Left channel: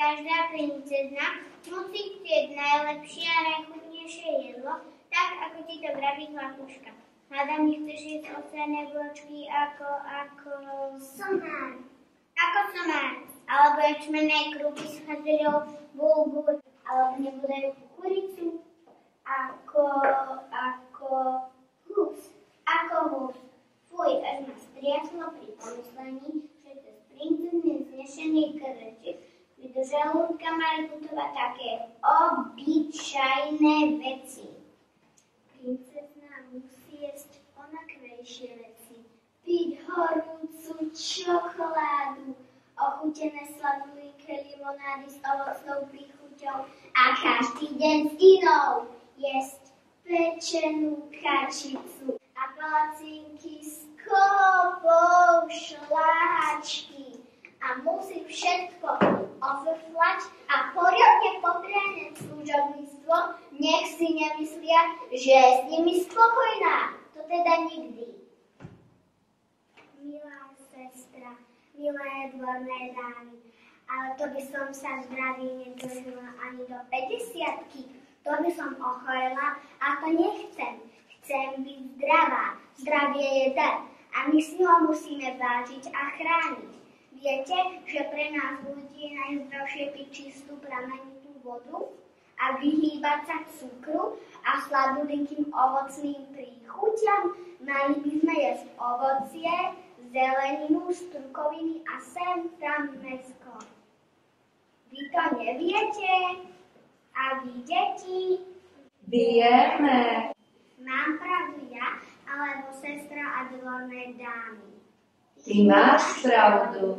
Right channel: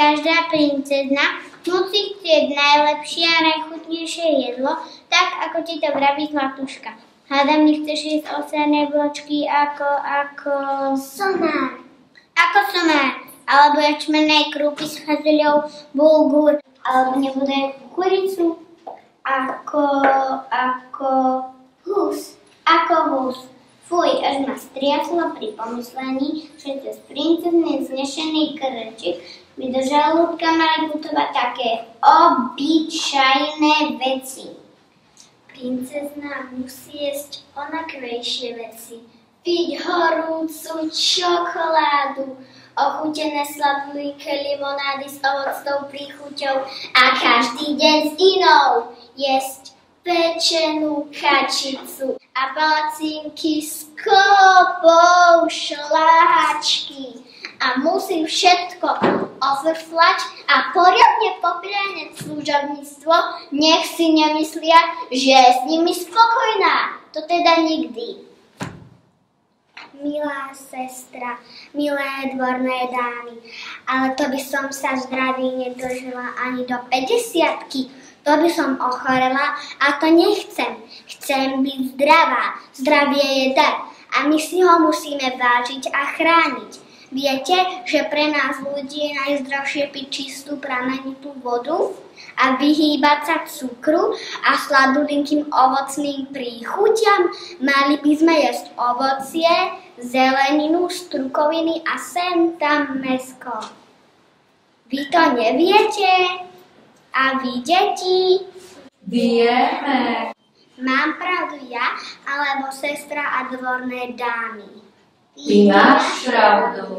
Každá princezna musí chcieť najlepšie a najchutnejšie jedlo, tak ako ti to vraví Zlatuška. Hádam, nechceš jesť ovsené bločky ako somár. Ako somár. Alebo jačmenej krúpy s fazuľou, bulgur. Alebo nebude kuricu. Ako hus. Ako hus. Fuj, až ma striaslo pri pomyslení, že cez princezný znešený krčik by do žalúdka mali putovať také obyčajné veci. Princezna musí jesť onakvejšie veci. Piť horúcu čokoládu, ochutené sladké limonády s ovocnou príchuťou a každý deň s inou jesť pečenú kačicu a palacinky s kopou šláhačky. A musí všetko ofrflať a poriadne poprianeť služobníctvo, nech si nemyslia, že je s nimi spokojná. To teda nikdy. Milá sestra, milé dvorné dámy, ale to by som sa zdraví nedožila ani do 50-ky. To by som ochorela a to nechcem. Chcem byť zdravá. Zdravie je dar a my si ho musíme vážiť a chrániť. Viete, že pre nás ľudí je najzdravšie piť čistú pramenitú vodu a vyhýbať sa cukru a sladulinkým ovocným príchuťam? Mali by sme jesť ovocie, zeleninu, strukoviny a sem tam mäsko. Vy to neviete? A vy, deti? Vieme. Mám pravdu ja, alebo sestra a dvorné dámy? Ty máš pravdu.